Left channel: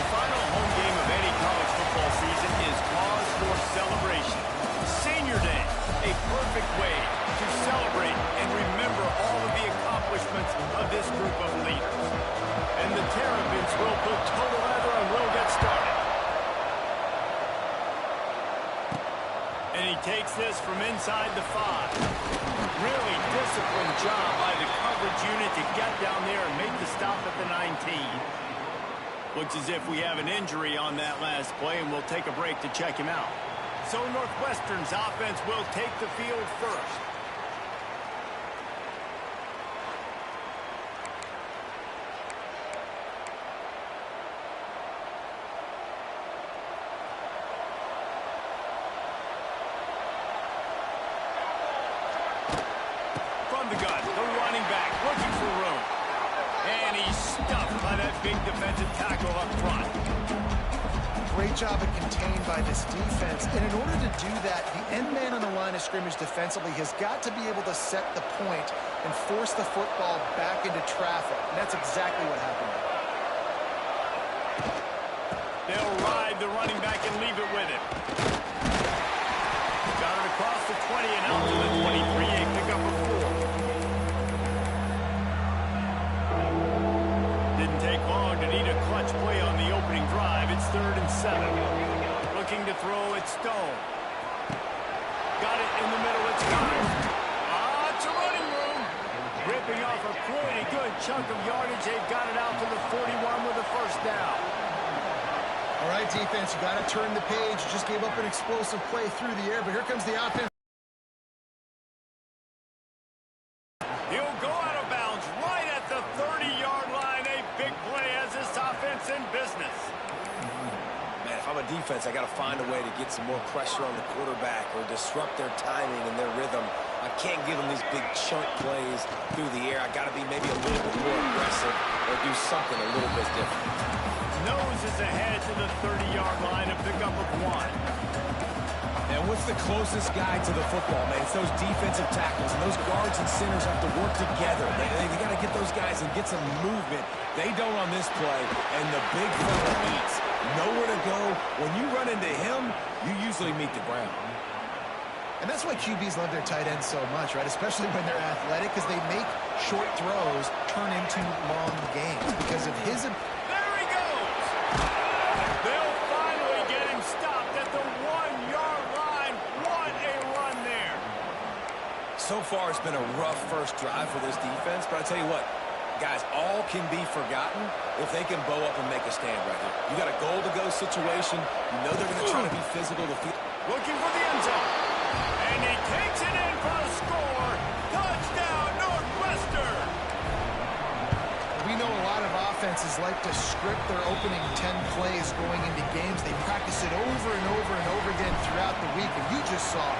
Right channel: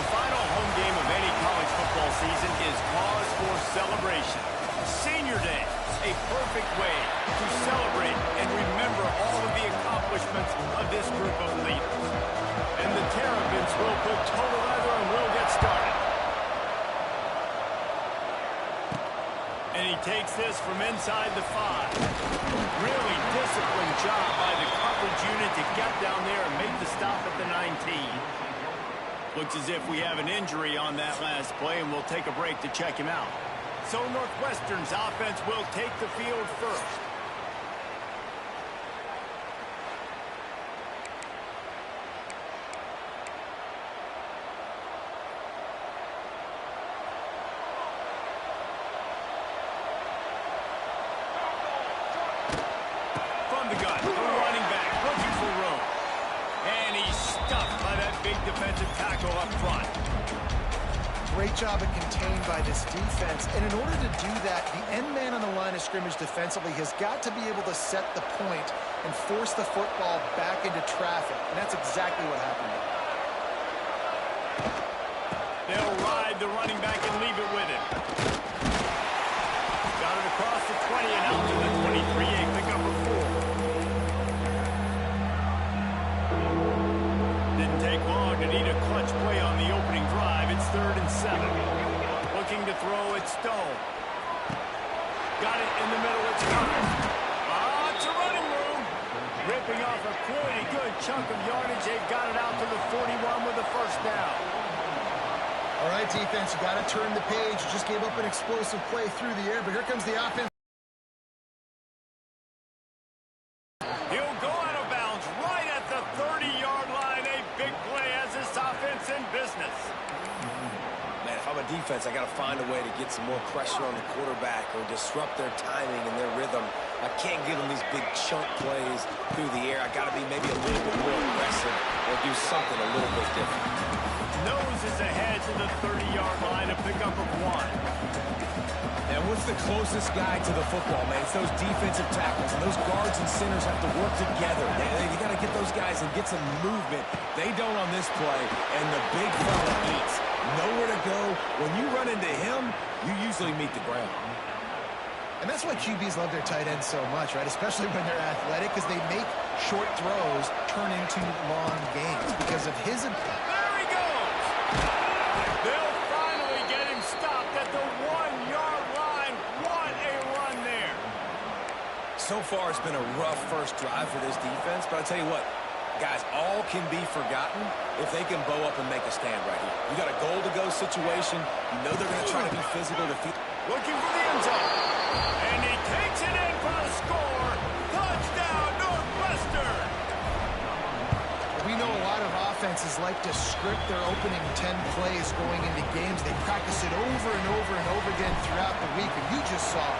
The final home game of any college football season is cause for celebration. Senior Day, a perfect way to celebrate and remember all of the accomplishments of this group of leaders. And the Terrapins will put total leather and will get started. And he takes this from inside the 5. Really disciplined job by the coverage unit to get down there and make the stop at the 19. Looks as if we have an injury on that last play, and we'll take a break to check him out. So Northwestern's offense will take the field first. From the gun, the running back looking for room. And he's stuffed by that big defensive tackle up front. Great job of contained by this defense. And in order to do that, the end man on the line of scrimmage defensively has got to be able to set the point and force the football back into traffic. And that's exactly what happened there. They'll ride the running back and leave it with him. Got it across the 20 and out to the 23. A pickup of 4. Didn't take long to need a clutch play on the opening drive. It's 3rd and 7. Looking to throw it, Stone. Got it in the middle, it's Connor. Lots of running room. Ripping off a pretty good chunk of yardage. They've got it out to the 41 with a first down. All right, defense, you got to turn the page. You just gave up an explosive play through the air, but here comes the offense. He'll go out of bounds right at the 30-yard line. A big play as this offense in business. Man, if I'm a defense, I got to find a way to get some more pressure on the quarterback or disrupt their timing and their rhythm. I can't give them these big chunk plays through the air. I got to be maybe a little bit more aggressive or do something a little bit different. Nose is ahead to the 30-yard line, a pickup of 1. And what's the closest guy to the football, man? It's those defensive tackles, and those guards and centers have to work together. They got to get those guys and get some movement. They don't on this play, and the big fella eats. Nowhere to go. When you run into him, you usually meet the ground. And that's why QBs love their tight ends so much, right? Especially when they're athletic, because they make short throws turn into long games because of his... There he goes! They'll finally get him stopped at the 1-yard line. What a run there. So far, it's been a rough first drive for this defense, but I tell you what, guys, all can be forgotten if they can bow up and make a stand right here. You got a goal-to-go situation. You know they're going to try to be physical to feel... Looking for the end zone. And he takes it in for the score. Touchdown, Northwestern. We know a lot of offenses like to script their opening 10 plays going into games. They practice it over and over and over again throughout the week. And you just saw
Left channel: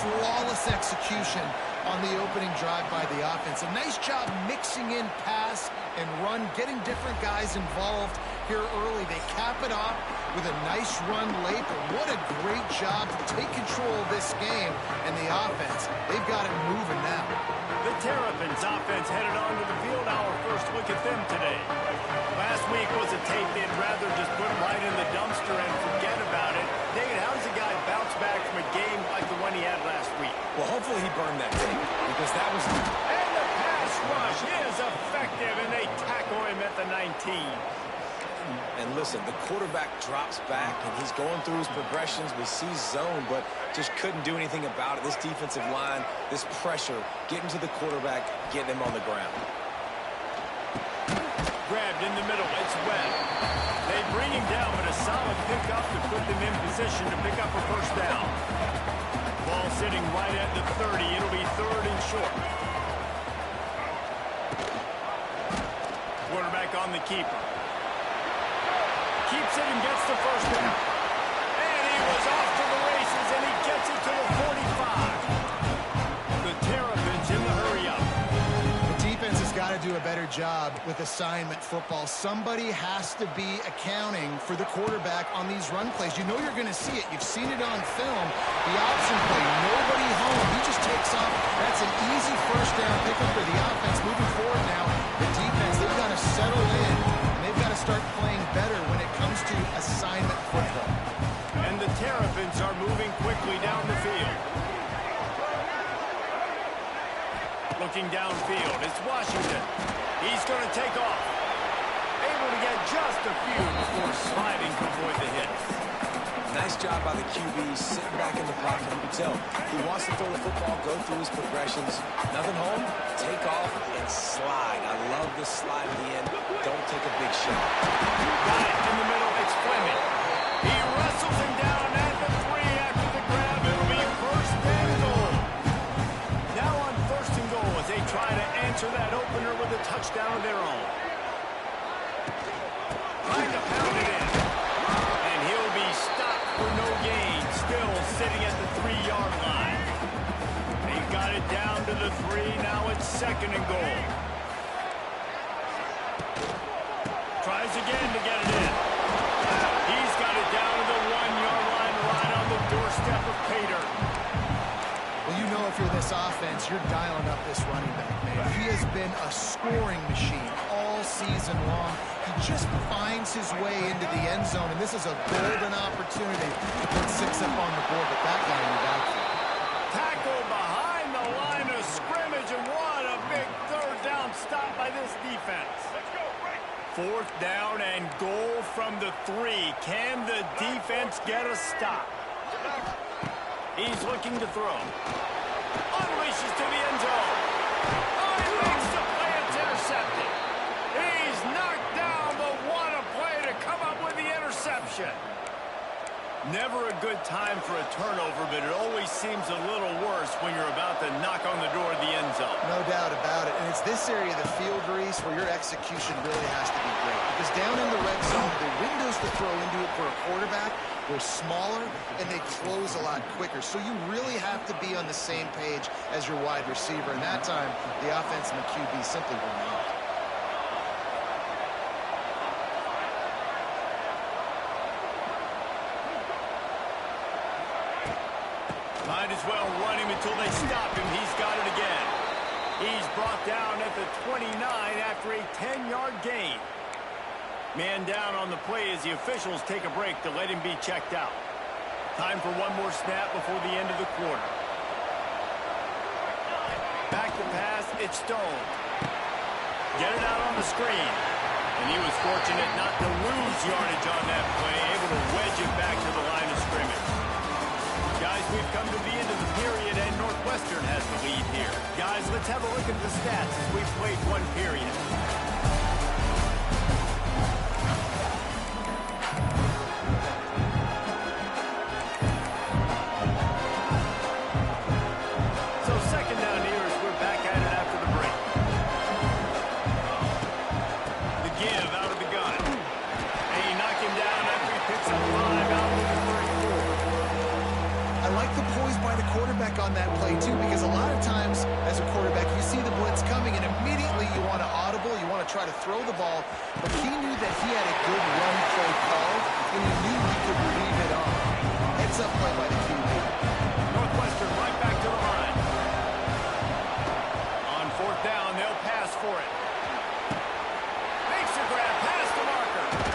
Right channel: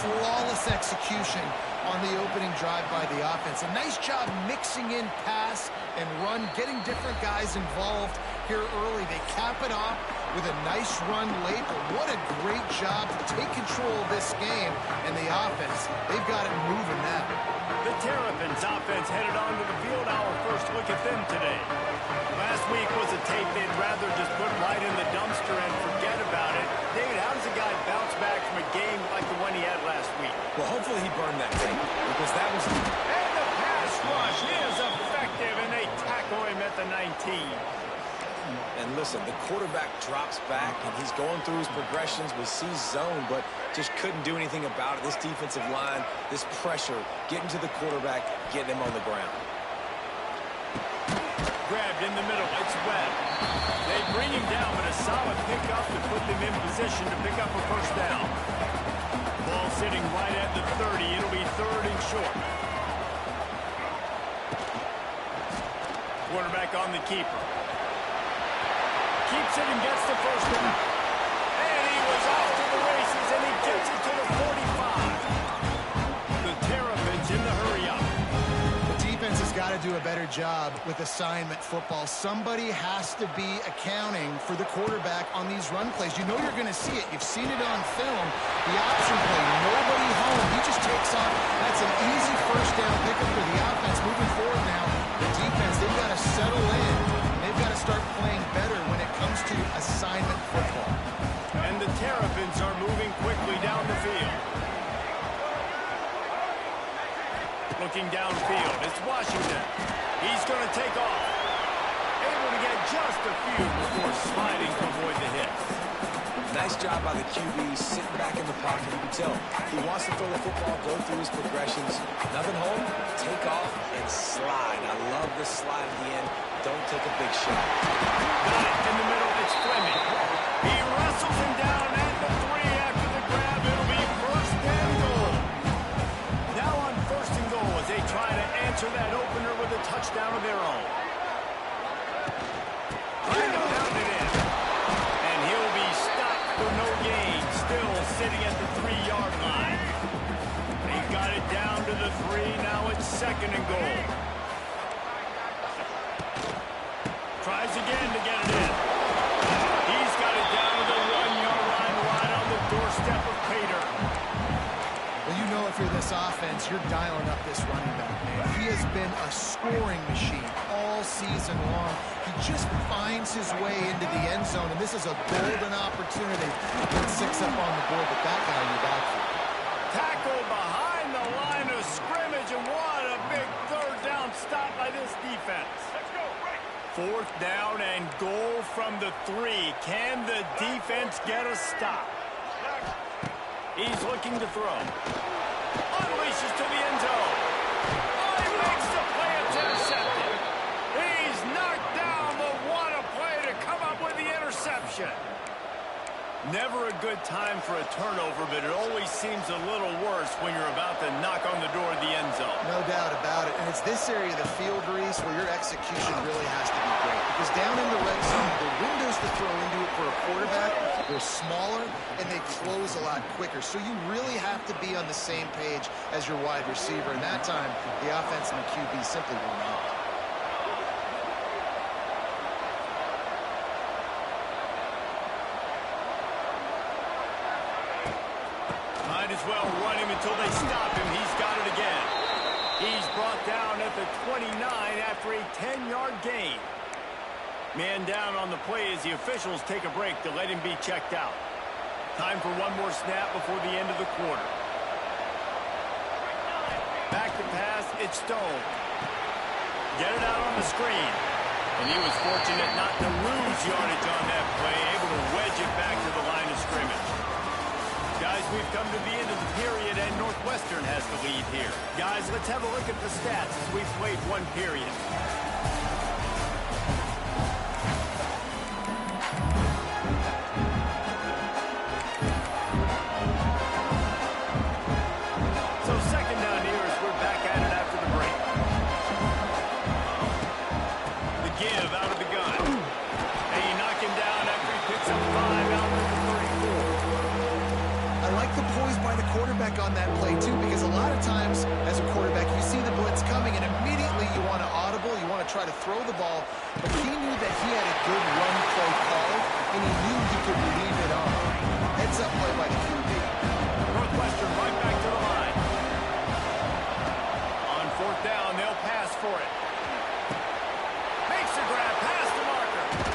flawless execution on the opening drive by the offense. A nice job mixing in pass and run, getting different guys involved here early. They cap it off with a nice run late, but what a great job to take control of this game. And the offense, they've got it moving now. The Terrapins offense headed onto the field. Our first look at them today. Last week was a tape they'd rather just put right in the dumpster and forget about it. David, how does a guy bounce back from a game like the one he had last week? Well, hopefully he burned that tape because that was... And the pass rush is effective, and they tackle him at the 19. And listen, the quarterback drops back, and he's going through his progressions. We see zone, but just couldn't do anything about it. This defensive line, this pressure, getting to the quarterback, getting him on the ground. Grabbed in the middle, it's Webb. They bring him down, but a solid pickup to put them in position to pick up a first down. Ball sitting right at the 30. It'll be 3rd and short. Quarterback on the keeper. Keeps it and gets the first down. And he was off to the races, and he gets it to the 45. The Terrapins in the hurry-up. The defense has got to do a better job with assignment football. Somebody has to be accounting for the quarterback on these run plays. You know you're going to see it. You've seen it on film. The option play, nobody home. He just takes off. That's an easy first down pickup for the offense. Moving forward now, the defense, they've got to settle in. And they've they've got to start playing better when it comes to assignment football. And the Terrapins are moving quickly down the field. Looking downfield, it's Washington. He's going to take off. Able to get just a few before sliding to avoid the hits. Nice job by the QB, sitting back in the pocket. You can tell he wants to throw the football, go through his progressions. Nothing home, take off and slide. I love this slide at the end. Don't take a big shot. Got it in the middle. It's Fleming. He wrestles him down at the 3 after the grab. It'll be first and goal. Now on first and goal as they try to answer that opener with a touchdown of their own. Trying to pound it in. And he'll be stopped for no gain. Still sitting at the 3-yard line. They got it down to the 3. Now it's second and goal. Tries again to get it in. He's got it down to the 1-yard line right on the doorstep of Pater. Well, you know if you're this offense, you're dialing up this running back, man. He has been a scoring machine all season long. He just finds his way into the end zone, and this is a golden opportunity to put 6 up on the board with that guy in your backfield. Tackle behind the line of scrimmage, and what a big third down stop by this defense. Let's go, right. Fourth down and goal from the 3. Can the defense get a stop? He's looking to throw. Unleashes to the end zone. Oh, he makes the play. It's intercepted. He's knocked down, but what a play to come up with the interception. Never a good time for a turnover, but it always seems a little worse when you're about to knock on the door of the end zone. No doubt about it. And it's this area of the field, Reese, where your execution really has to be great. Because down in the red zone, the windows to throw into it for a quarterback, they're smaller and they close a lot quicker. So you really have to be on the same page as your wide receiver. And that time, the offense and the QB simply were not. Might as well run him until they stop him. He's got it again. He's brought down at the 29 after a 10-yard gain. Man down on the play as the officials take a break to let him be checked out. Time for one more snap before the end of the quarter. Back to pass, it's Stone. Get it out on the screen. And he was fortunate not to lose yardage on that play, able to wedge it back to the line of scrimmage. Guys, we've come to the end of the period, and Northwestern has the lead here. Guys, let's have a look at the stats as we've played one period. So second down here as we're back at it after the break. The give out of the gun. And you knock him down after he picks up 5 out to the 34. I like the poise by the quarterback on that play, too, because a lot of times as a quarterback, you see the blitz coming, and immediately you want to audible, you want to try to throw the ball, but he knew that he had a good run play called, and he knew he could leave it on. Heads up play by the QB. Northwestern right back to the line. On fourth down, they'll pass for it. Makes the grab, past the marker.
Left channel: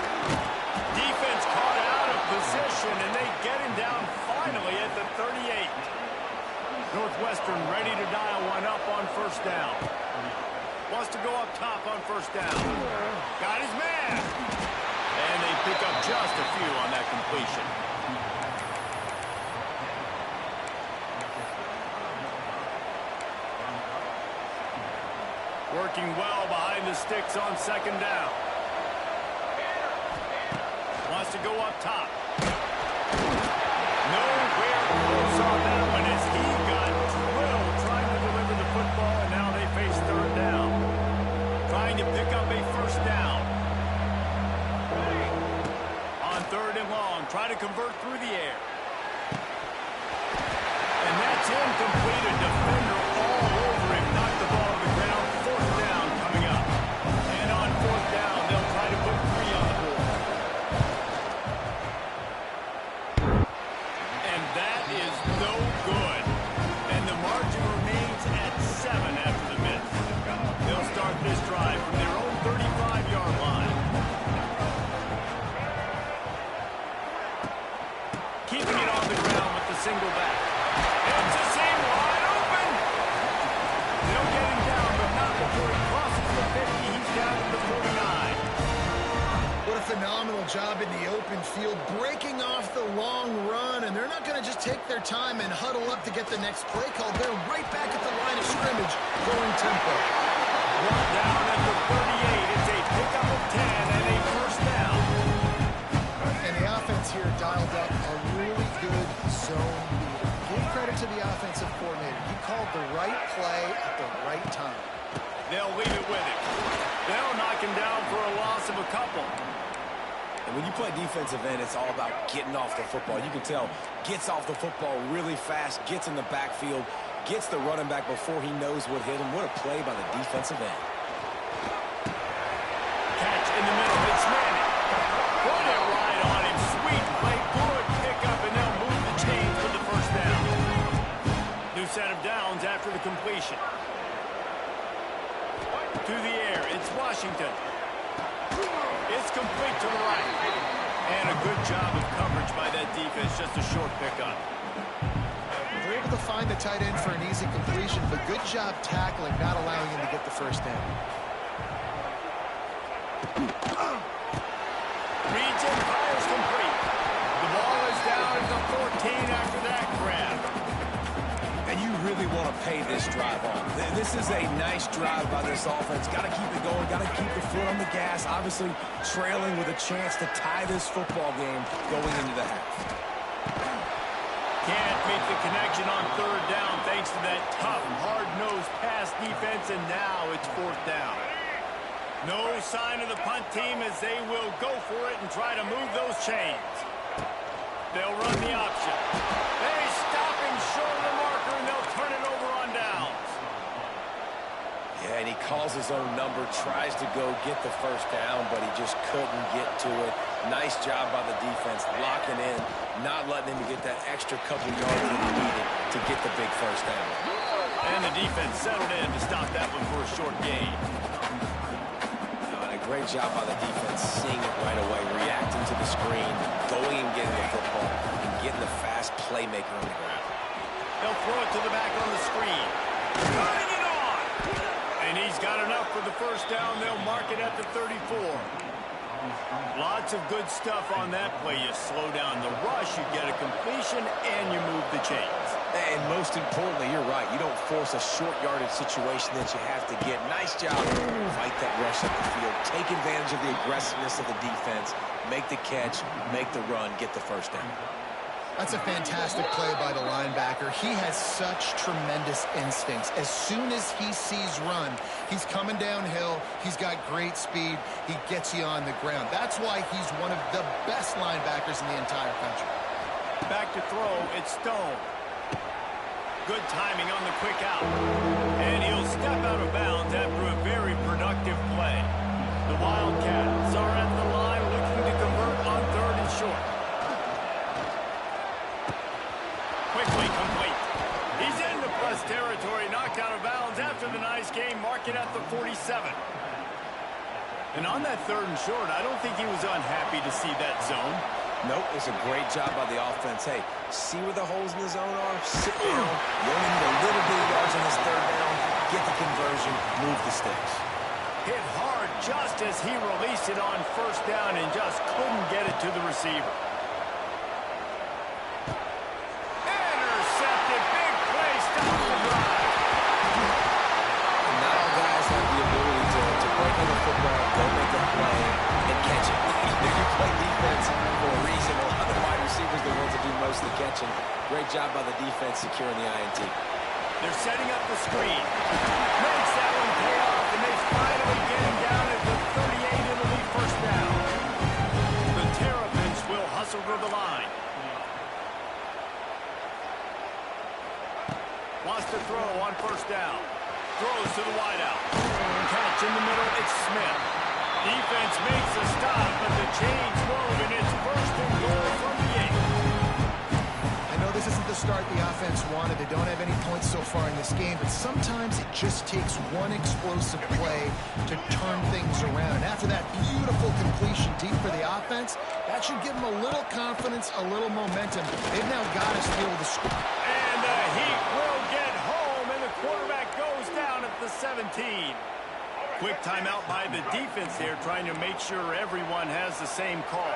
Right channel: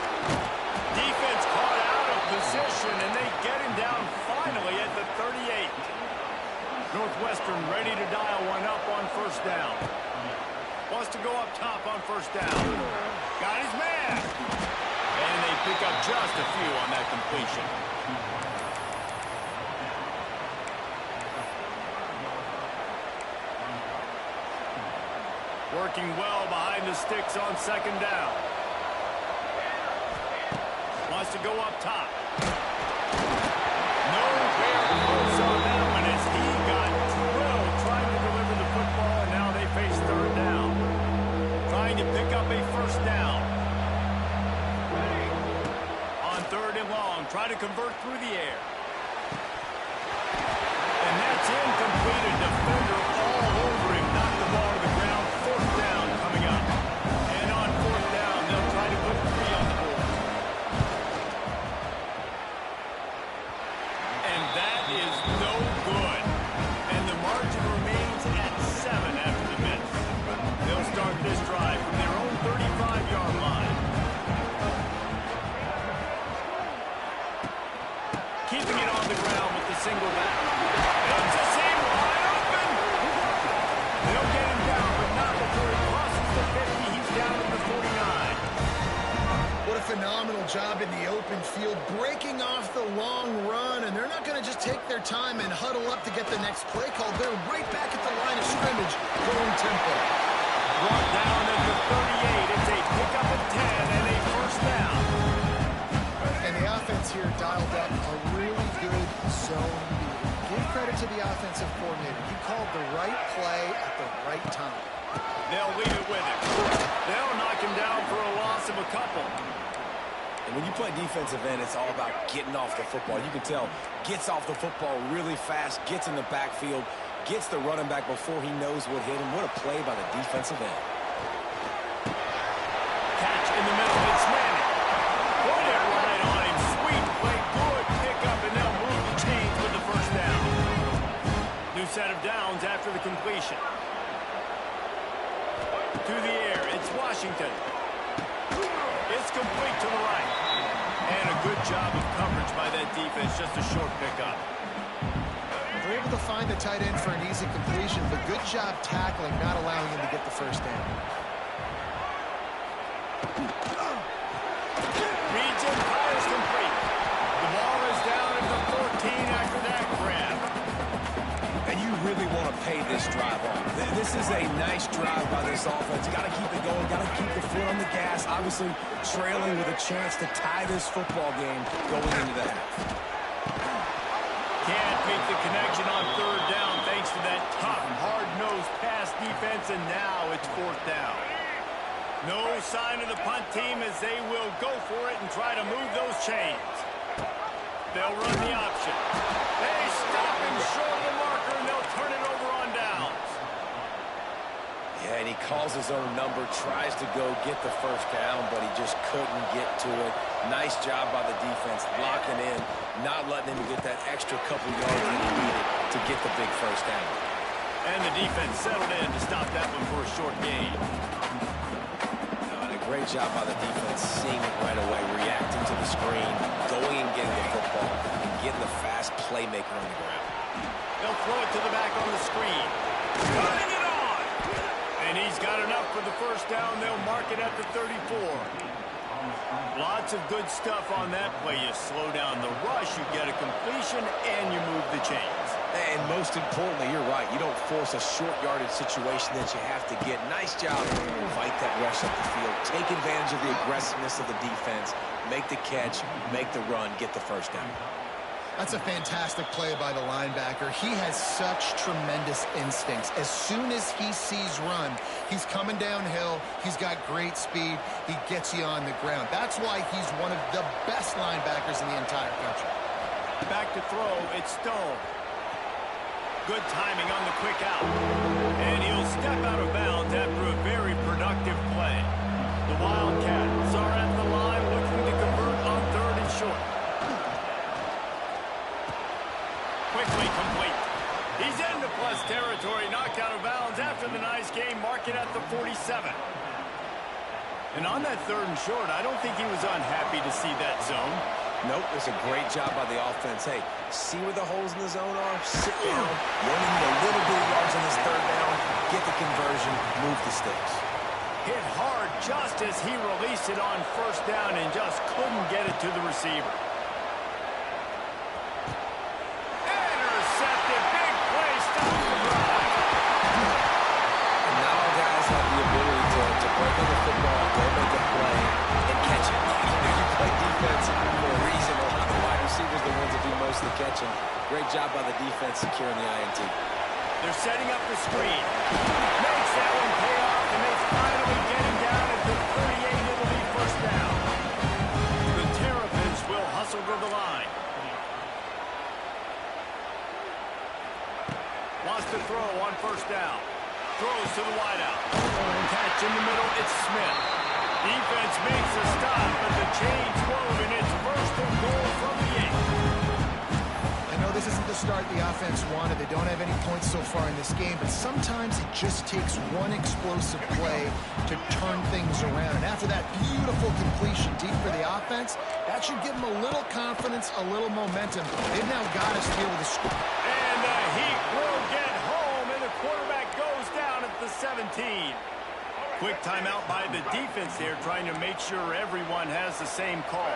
Defense caught out of position, and they get him down finally at the 38. Northwestern ready to dial one up on first down. Wants to go up top on first down. Got his man. And they pick up just a few on that completion. Working well behind the sticks on second down. Wants to go up top. Nowhere close on that one as he got drilled trying to deliver the football, and now they face third down. Trying to pick up a first down. On third and long, try to convert through the air. And that's incomplete. A defender all over him. Knocked the ball to the ground. Fourth down coming up. And on fourth down, they'll try to put 3 on the board. And that is no good. And the margin remains at 7 after the miss. They'll start this drive from their own 35-yard line. keeping it on the ground with the single back. It's a seam wide open. They'll get him down, but not before he crosses the 50. He's down to the 49. What a phenomenal job in the open field, breaking off the long run, and they're not going to just take their time and huddle up to get the next play called. They're right back at the line of scrimmage, going tempo. Brought down at the 38. It's a pickup of 10 and a first down. And the offense here dialed up a really good zone leader. Give credit to the offensive coordinator. He called the right play at the right time. They'll leave it with him. They'll knock him down for a loss of a couple. And when you play defensive end, it's all about getting off the football. You can tell, gets off the football really fast, gets in the backfield, gets the running back before he knows what hit him. What a play by the defensive end. Catch in the middle. It's Manning. Put it right on him. Sweet play. Good pickup, and they'll move the chains with the first down. New set of downs after the completion. To the air. It's Washington. It's complete to the right. And a good job of coverage by that defense. Just a short pickup. They're able to find the tight end for an easy completion, but good job tackling, not allowing him to get the first down. Reads in, fires complete. The ball is down at the 14 after that grab. And you really want to pay this drive off. This is a nice drive by this offense. Got to keep it going. Got to keep the foot on the gas. Obviously, trailing with a chance to tie this football game going into the half. Can't make the connection on third down thanks to that tough, hard-nosed pass defense, and now it's fourth down. No sign of the punt team as they will go for it and try to move those chains. They'll run the option. They stop him short of the marker, and they'll turn it over on downs. Yeah, and he calls his own number, tries to go get the first down, but he just couldn't get to it. Nice job by the defense, locking in, not letting him get that extra couple yards that he needed to get the big first down. And the defense settled in to stop that one for a short gain. Great job by the defense, seeing it right away, reacting to the screen, going and getting the football, and getting the fast playmaker on the ground. They'll throw it to the back on the screen. Putting it on! And he's got enough for the first down. They'll mark it at the 34. Lots of good stuff on that play. You slow down the rush, you get a completion, and you move the chains. And most importantly, you're right. You don't force a short yardage situation that you have to get. Nice job. Fight that rush up the field. Take advantage of the aggressiveness of the defense. Make the catch. Make the run. Get the first down. That's a fantastic play by the linebacker. He has such tremendous instincts. As soon as he sees run, he's coming downhill. He's got great speed. He gets you on the ground. That's why he's one of the best linebackers in the entire country. Back to throw. It's Stone. Good timing on the quick out. And he'll step out of bounds after a very productive play. The Wildcats are at the line looking to convert on third and short. Quickly complete. He's into plus territory, knocked out of bounds after the nice game, mark it at the 47. And on that third and short, I don't think he was unhappy to see that zone. Nope, it's a great job by the offense. Hey, see where the holes in the zone are? Sit down. You only need a little bit of yards on this third down. Get the conversion. Move the sticks. Hit hard just as he released it on first down and just couldn't get it to the receiver. Intercepted. Big play. Stop the drive. And not all guys have the ability to break on the football, go make a play, and catch it. You play defense for a reason. A lot of wide receivers the ones that do most of the catching. Great job by the defense securing the INT. They're setting up the screen. Makes that one pay off, and they finally get him down at the 38. It'll be first down. The Terrapins will hustle to the line. Wants to throw on first down. Throws to the wideout. Catch in the middle. It's Smith. Defense makes a stop, but the chains move, and it's first and goal from the 8. I know this isn't the start the offense wanted. They don't have any points so far in this game, but sometimes it just takes one explosive play to turn things around. And after that beautiful completion deep for the offense, that should give them a little confidence, a little momentum. They've now got to be able to score. And the Heat will get home, and the quarterback goes down at the 17. Quick timeout by the defense there, trying to make sure everyone has the same call.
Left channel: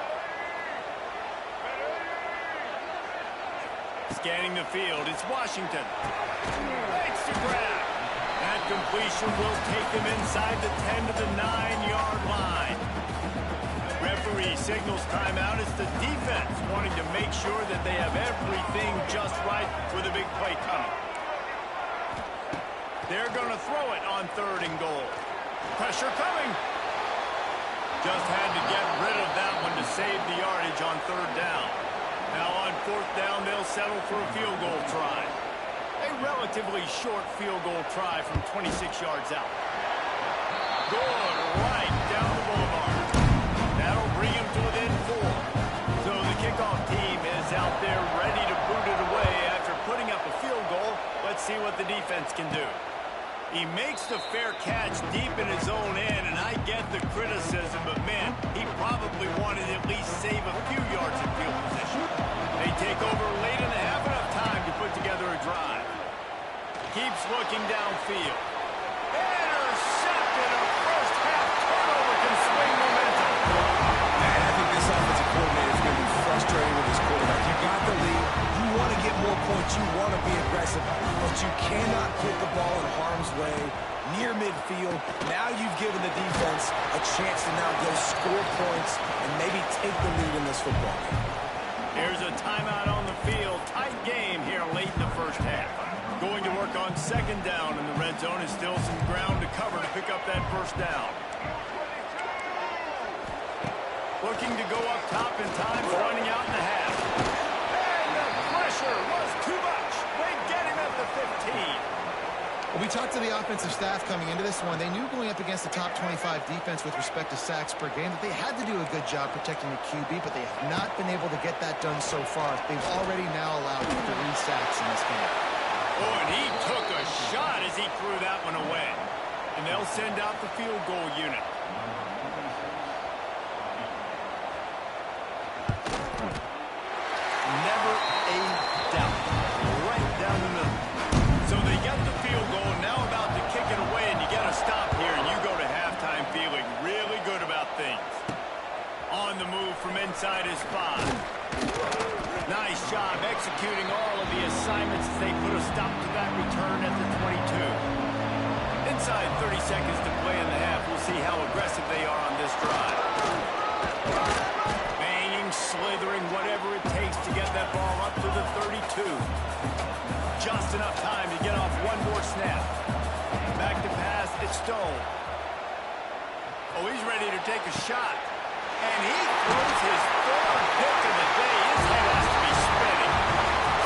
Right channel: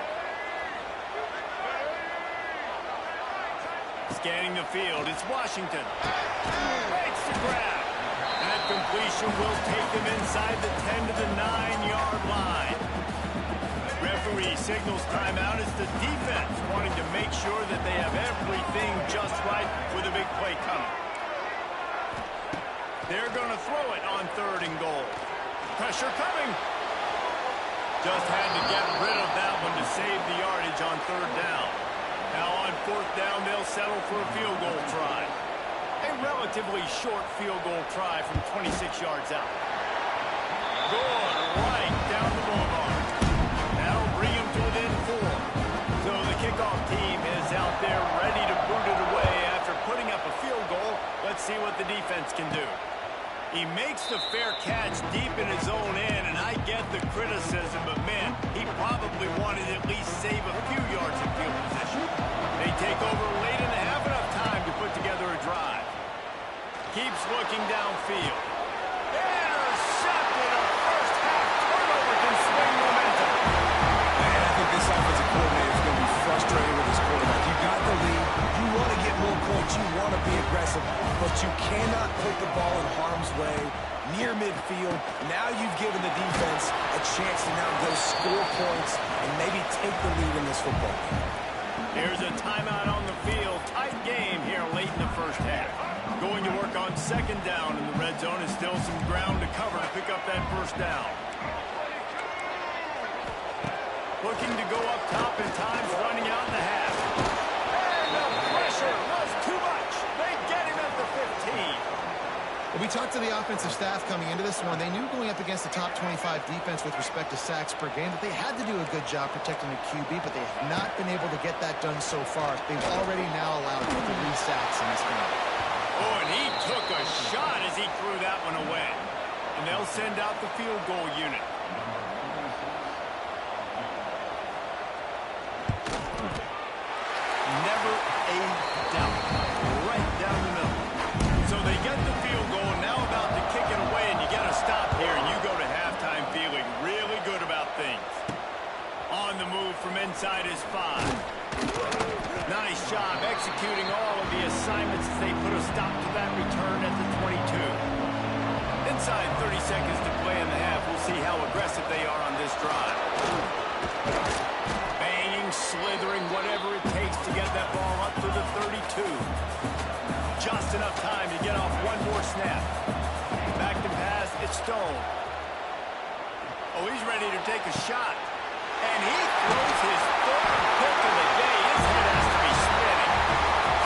Scanning the field, it's Washington. Makes the grab. That completion will take them inside the 10 to the 9-yard line. Referee signals timeout. It's the defense wanting to make sure that they have everything just right with a big play coming. They're going to throw it on 3rd and goal. Pressure coming. Just had to get rid of that one to save the yardage on 3rd down. Now on 4th down, they'll settle for a field goal try. A relatively short field goal try from 26 yards out. Good, right down the boulevard. That'll bring him to within 4. So the kickoff team is out there ready to boot it away after putting up a field goal. Let's see what the defense can do. He makes the fair catch deep in his own end, and I get the criticism, but man, he probably wanted to at least save a few yards in field position. They take over late in the half, enough time to put together a drive. Keeps looking downfield. Intercepted. A first half turnover can swing momentum. Man, I think this offensive coordinator is going to be frustrated with his quarterback. You got the lead. You want to get more points. You want to be aggressive, but you cannot put the ball in harm's way near midfield. Now you've given the defense a chance to now go score points and maybe take the lead in this football game. Here's a timeout on the field. Tight game here late in the first half. Going to work on 2nd down in the red zone. Is still some ground to cover to pick up that 1st down. Looking to go up top, and time's running out in the half. And the pressure was too much. They get him at the 15. Well, we talked to the offensive staff coming into this one. They knew going up against the top 25 defense with respect to sacks per game that they had to do a good job protecting the QB, but they have not been able to get that done so far. They've already now allowed 3 sacks in this game. Oh, and he took a shot as he threw that one away. And they'll send out the field goal unit. Never a doubt. Right down the middle. So they get the field goal, now about to kick it away, and you got to stop here, and you go to halftime feeling really good about things. On the move from inside his 5. Nice job executing all of the assignments as they put a stop to that return at the 22. Inside 30 seconds to play in the half. We'll see how aggressive they are on this drive. Banging, slithering, whatever it takes to get that ball up to the 32. Just enough time to get off one more snap. Back to pass, it's Stone. Oh, he's ready to take a shot. And he throws his 3rd pick of the day. His head has to be spinning.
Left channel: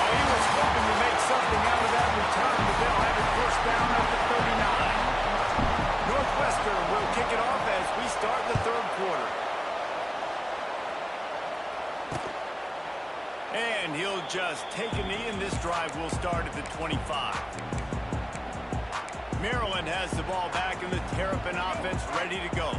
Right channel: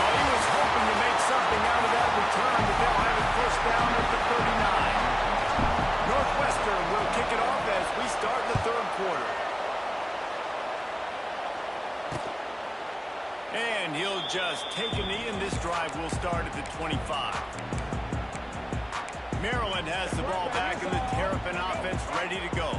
Oh, he was hoping to make something out of that return, but they'll have it 1st down at the 39. Northwestern will kick it off as we start the 3rd quarter. And he'll just take a knee, and this drive will start at the 25. Maryland has the ball back in the Terrapin offense ready to go.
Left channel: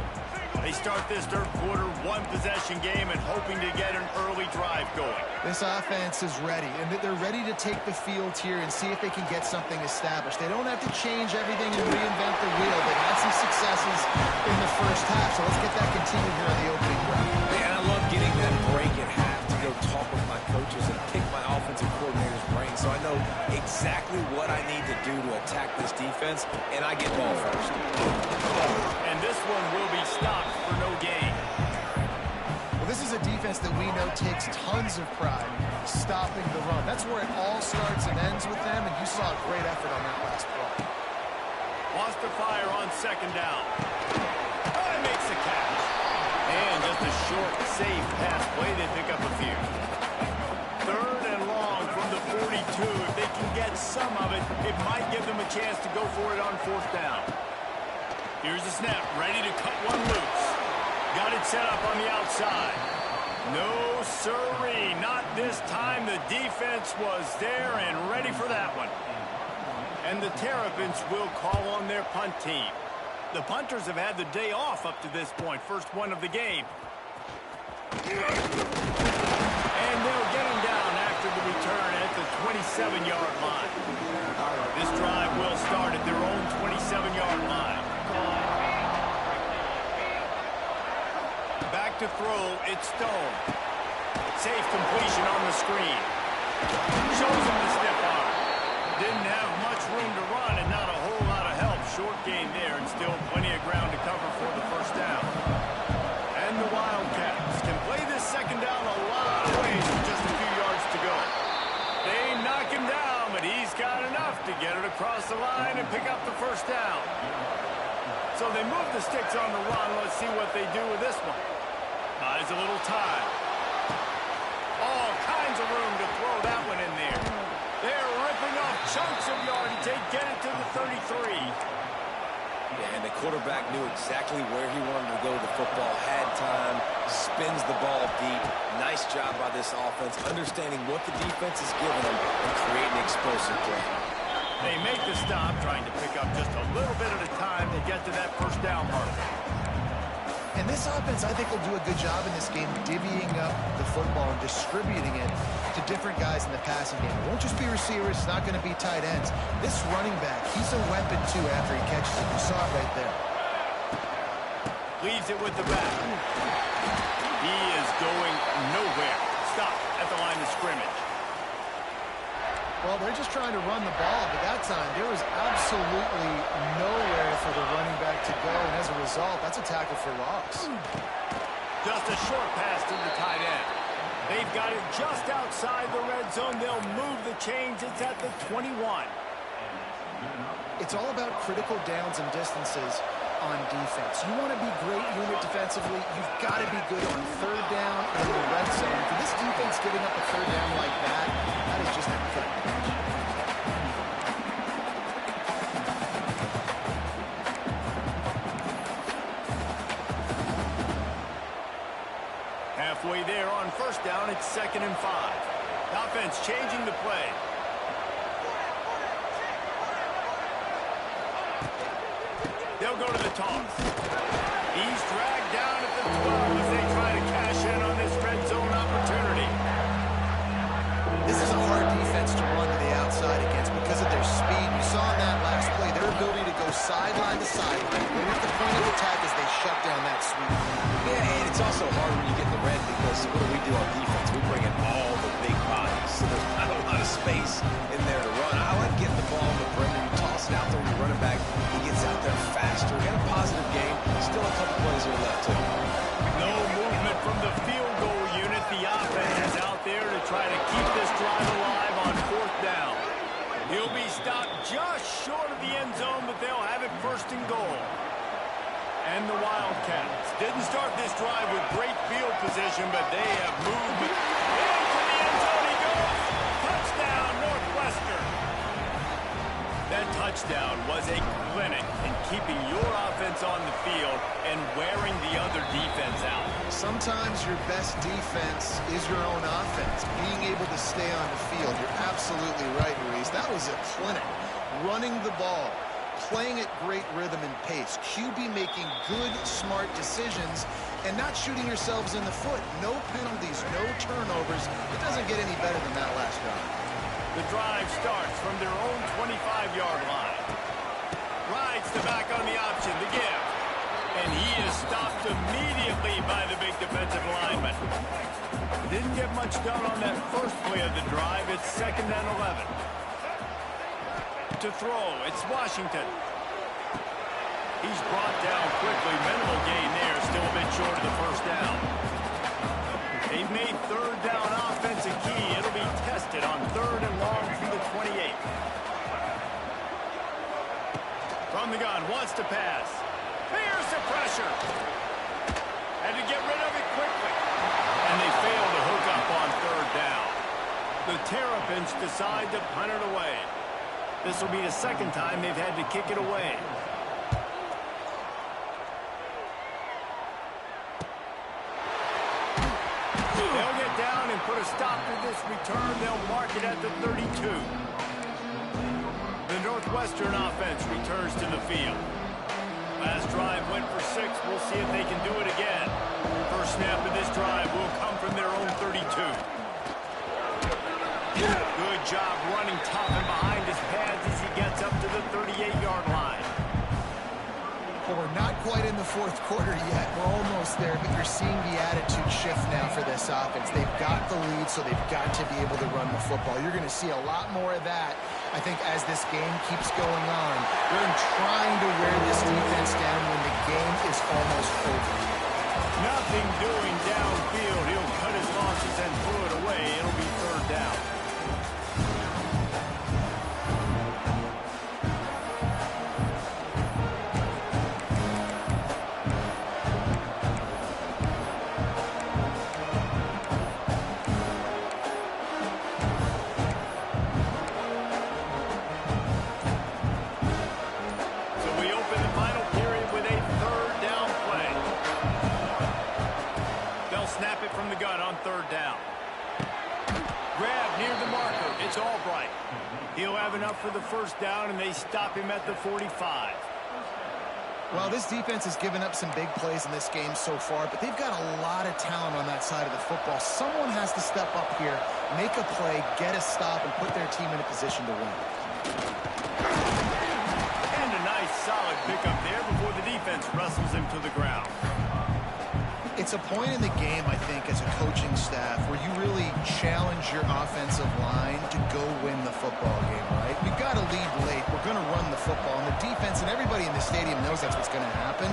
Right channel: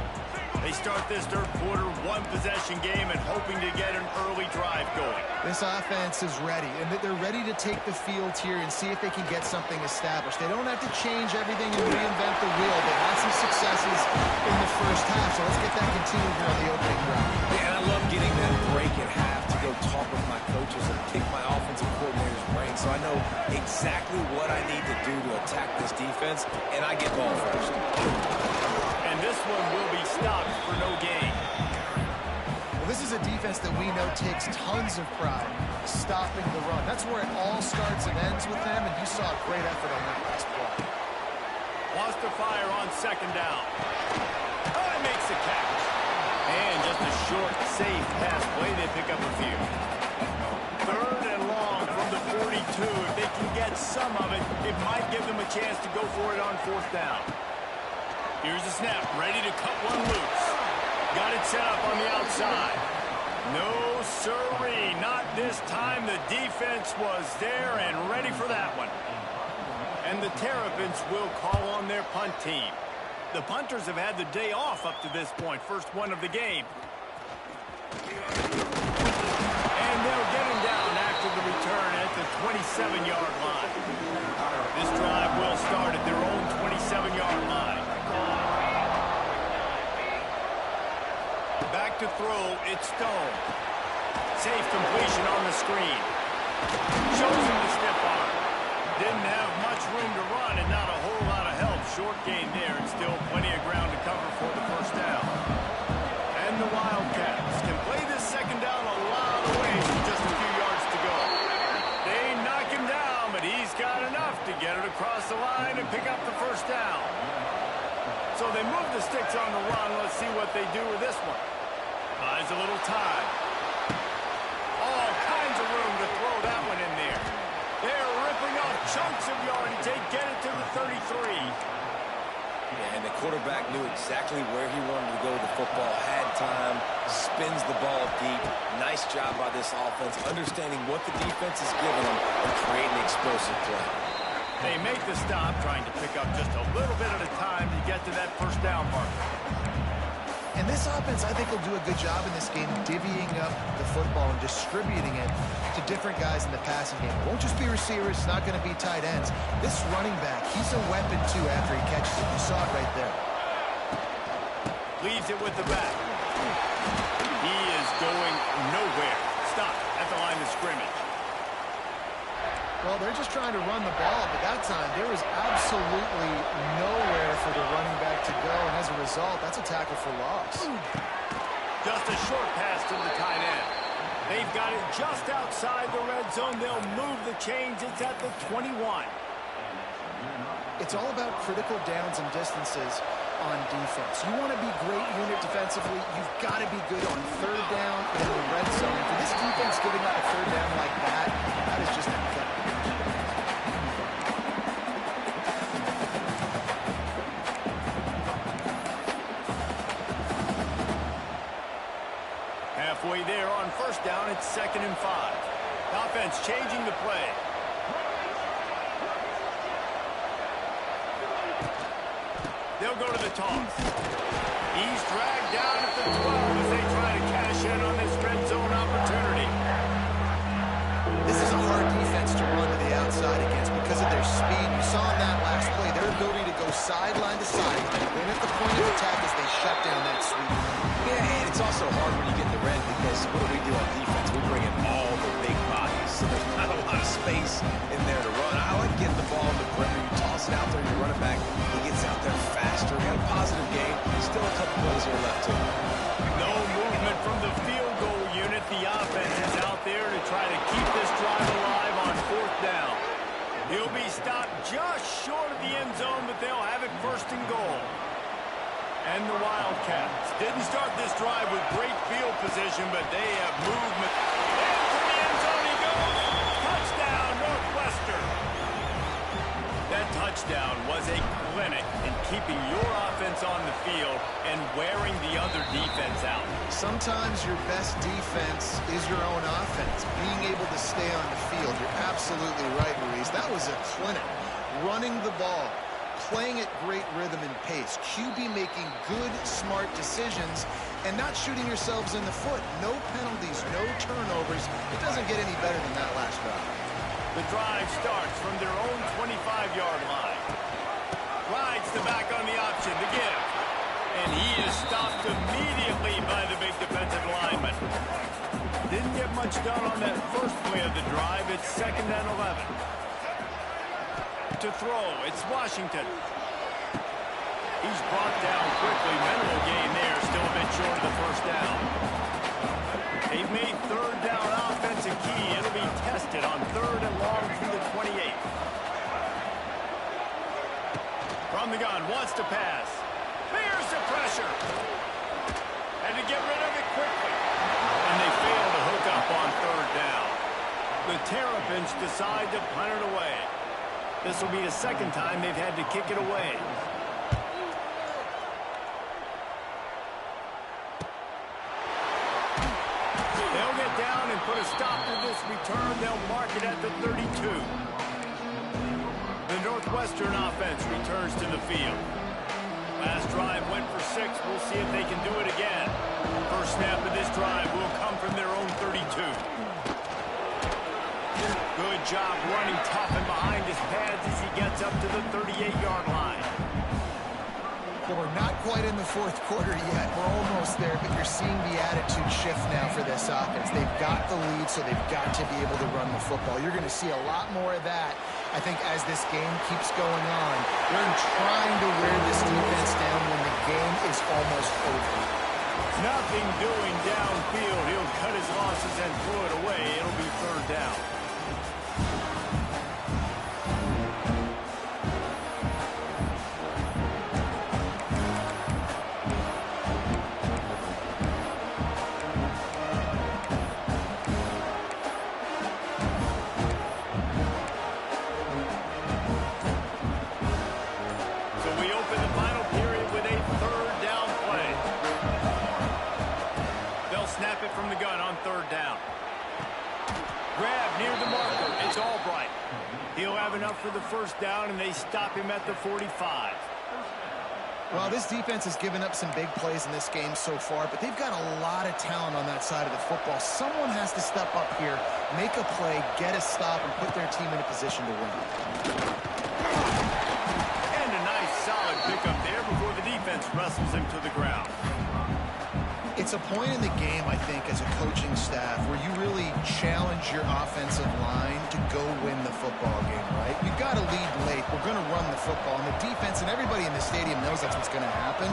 They start this 3rd quarter, 1-possession game, and hoping to get an early drive going. This offense is ready, and they're ready to take the field here and see if they can get something established. They don't have to change everything and reinvent the wheel. They've had some successes in the first half, so let's get that continued here on the opening drive. Yeah, and I love getting that break at half to go talk with my coaches and pick my offensive coordinator's brain, so I know exactly what I need to do to attack this defense, and I get ball first. And this one will be stopped for no gain. Well, this is a defense that we know takes tons of pride stopping the run. That's where it all starts and ends with them, and you saw a great effort on that last play. Wants to fire on 2nd down. Oh, he makes the catch. And just a short, safe pass play. They pick up a few. 3rd and long from the 42. If they can get some of it, it might give them a chance to go for it on 4th down. Here's the snap, ready to cut one loose. Got it set up on the outside. No, sirree. Not this time. The defense was there and ready for that one. And the Terrapins will call on their punt team. The punters have had the day off up to this point. First one of the game. And they'll get him down after the return at the 27-yard line. This drive will start at their own 27-yard line. Back to throw, it's Stone. Safe completion on the screen. Shows him the stiff arm. Didn't have much room to run and not a whole lot of help. Short gain there and still plenty of ground to cover for the first down. And the Wildcats can play this second down a lot of ways with just a few yards to go. They knock him down, but he's got enough to get it across the line and pick up the first down. So they move the sticks on the run. Let's see what they do with this one. Buys a little time. All kinds of room to throw that one in there. They're ripping off chunks of yardage. They get it to the 33. Yeah, and the quarterback knew exactly where he wanted to go with the football, had time, spins the ball deep. Nice job by this offense, understanding what the defense is giving them and creating the explosive play. They make the stop, trying to pick up just a little bit at a time to get to that first down marker. And this offense, I think, will do a good job in this game divvying up the football and distributing it to different guys in the passing game. It won't just be receivers. It's not going to be tight ends. This running back, he's a weapon, too, after he catches it. You saw it right there. Leaves it with the back. He is going nowhere. Stop at the line of scrimmage. Well, they're just trying to run the ball, but that time there was absolutely nowhere for the running back to go, and as a result, that's a tackle for loss. Just a short pass to the tight end. They've got it just outside the red zone. They'll move the chains. It's at the 21. It's all about critical downs and distances on defense. You want to be great unit defensively, you've got to be good on third down and in the red zone. For this defense giving up a third down like that, that is just a gut punch. Halfway there on first down, it's 2nd and 5. The offense changing the play. They'll go to the toss. He's dragged down at the 12 as they try to cash in on this red zone opportunity. This is a hard defense to run to the outside against because of their speed. You saw in that last play their ability to go sideline to sideline. Right at the point of attack as they shut down that sweep. Yeah, and it's also hard when you get in the red because what do on defense? We bring in all the big bodies, so there's not a lot of space in there to run. I like getting the ball in the perimeter. You toss it out there, you run it back. He gets out there faster. Got a positive game. Still a couple plays here left, too. No movement from the field goal unit. The offense is out there to try to keep this drive alive on 4th down. He'll be stopped just short of the end zone, but they'll have it 1st and goal. And the Wildcats didn't start this drive with great field position, but they have movement. Into the end zone he goes. Touchdown, Northwestern. That touchdown was a clinic in keeping your offense on the field and wearing the other defense out. Sometimes your best defense is your own offense. Being able to stay on the field. You're absolutely right, Maurice. That was a clinic. Running the ball, playing at great rhythm and pace. QB making good, smart decisions and not shooting yourselves in the foot. No penalties, no turnovers. It doesn't get any better than that last drive. The drive starts from their own 25-yard line. Rides the back on the option, the give. And he is stopped immediately by the big defensive lineman. Didn't get much done on that first play of the drive. It's 2nd and 11. To throw, it's Washington. He's brought down quickly. Minimal gain there, still a bit short of the first down. They've made 3rd down offense a key. It'll be tested on 3rd and long from the 28. From the gun, wants to pass. Fears the pressure. Had to get rid of it quickly. And they fail to hook up on 3rd down. The Terrapins decide to punt it away. This will be the 2nd time they've had to kick it away. put a stop to this return. They'll mark it at the 32. The Northwestern offense returns to the field. Last drive went for 6. We'll see if they can do it again. First snap of this drive will come from their own 32. Good job running tough and behind his pads as he gets up to the 38-yard line. Well, we're not quite in the fourth quarter yet. We're almost there, but you're seeing the attitude shift now for this offense. They've got the lead, so they've got to be able to run the football. You're going to see a lot more of that, I think, as this game keeps going on. They're trying to wear this defense down when the game is almost over. Nothing doing downfield. He'll cut his losses and throw it away. It'll be third down. Snap it from the gun on third down. Grab near the marker. It's Albright. He'll have enough for the first down, and they stop him at the 45. Well, this defense has given up some big plays in this game so far, but they've got a lot of talent on that side of the football. Someone has to step up here, make a play, get a stop, and put their team in a position to win. And a nice, solid pickup there before the defense wrestles him to the ground. It's a point in the game, I think, as a coaching staff where you really challenge your offensive line to go win the football game, right? You've got to lead late. We're going to run the football. And the defense and everybody in the stadium knows that's what's going to happen.